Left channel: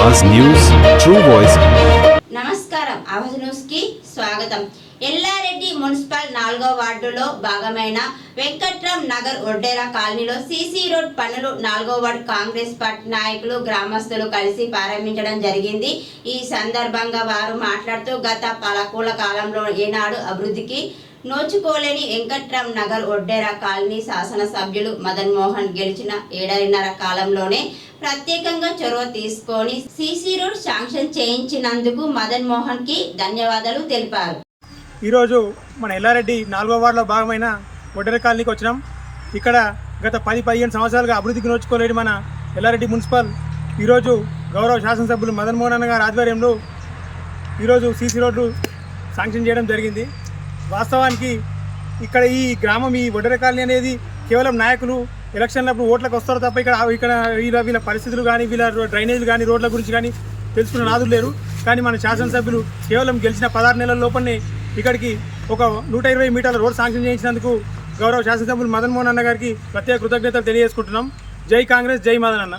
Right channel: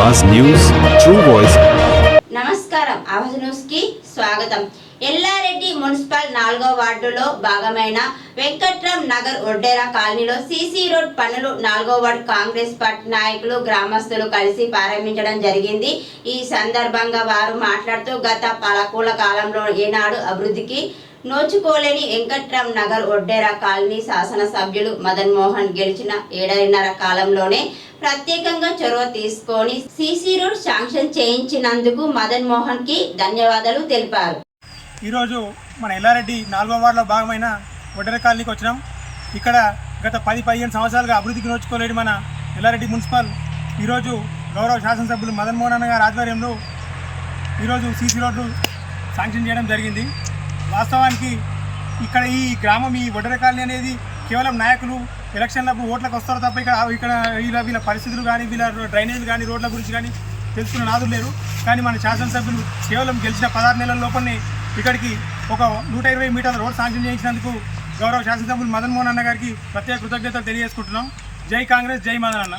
Awaaz news true voice. నమస్కారం. ఆవాజ్ న్యూస్కి స్వాగతం. ఎల్లారెడ్డి మున్సిపల్ నాలుగో వార్డులో భాగమైన వెంకట్రామ్ నగర్ ఒడ్డేరా కాలనీలో సీసీ రోడ్ పనులు నాలుగో వార్డు కాంగ్రెస్ పార్టీ నాయకులు గ్రామస్తులు కలిసి ప్రారంభించడం జరిగింది. ఈ సందర్భంగా వారు మాట్లాడుతూ గత పాలకూల కాలంలో ఏనాడు అభివృద్ధికి నోచుకోలేని వెంకట్రామ్ నగర్ ఒడ్డేరా కాలనీ శాసనసభ్యులు మదన్ మోహన్ గెలిచిన ఏడాదిన్నర కాలంలోనే ప్రత్యేకంగా చొరవ తీసుకొని సీసీ రోడ్ శాంక్షన్ చేయించినందుకు మదన్ మోహన్కి ధన్యవాదాలు తెలిపారు. ఈరోజు మన ఎల్లారెడ్డి నాలుగో వార్డులో భాగమైన ఒడ్డర కాలనీకి వచ్చినాం. ఇక్కడ గత పది పదిహేను సంవత్సరాలుగా అభివృద్ధికి నోచుకోలేని మన ఎల్లారెడ్డి మున్సిపల్ ఈరోజు గౌరవ శాసనసభ్యులు మదన్ మోహన్ అన్న గారి ఆధ్వర్యంలో ఈరోజు సీసీ రోడ్డు శాంక్షన్ చేయడం జరిగింది. వాస్తవానికి ఇక్కడ ఈ గ్రామం ఈ వడ్డర కాలనీ అనేది కేవలం నాయకులు ఎలక్షన్లప్పుడు ఓట్లకు వస్తారు తప్ప ఇక్కడ ఇక్కడ వీళ్ళ వీళ్ళ పరిస్థితులు కానీ వీళ్ళ డ్రైనేజీలు కానీ రోడ్ల గురించి కానీ తెలుసుకున్న నాదులు లేరు. కానీ మన శాసనసభ్యులు కేవలం గెలిచిన పదహారు నెలల లోపలనే ఇక్కడికి ఒక నూట ఇరవై మీటర్ల రోడ్ శాంక్షన్ చేయించినందుకు గౌరవ శాసనసభ్యులు మదన్ మోహన్ అన్న గారికి ప్రత్యేక కృతజ్ఞతలు తెలియజేసుకుంటున్నాం. జై కాంగ్రెస్ జై మదన్ అన్న.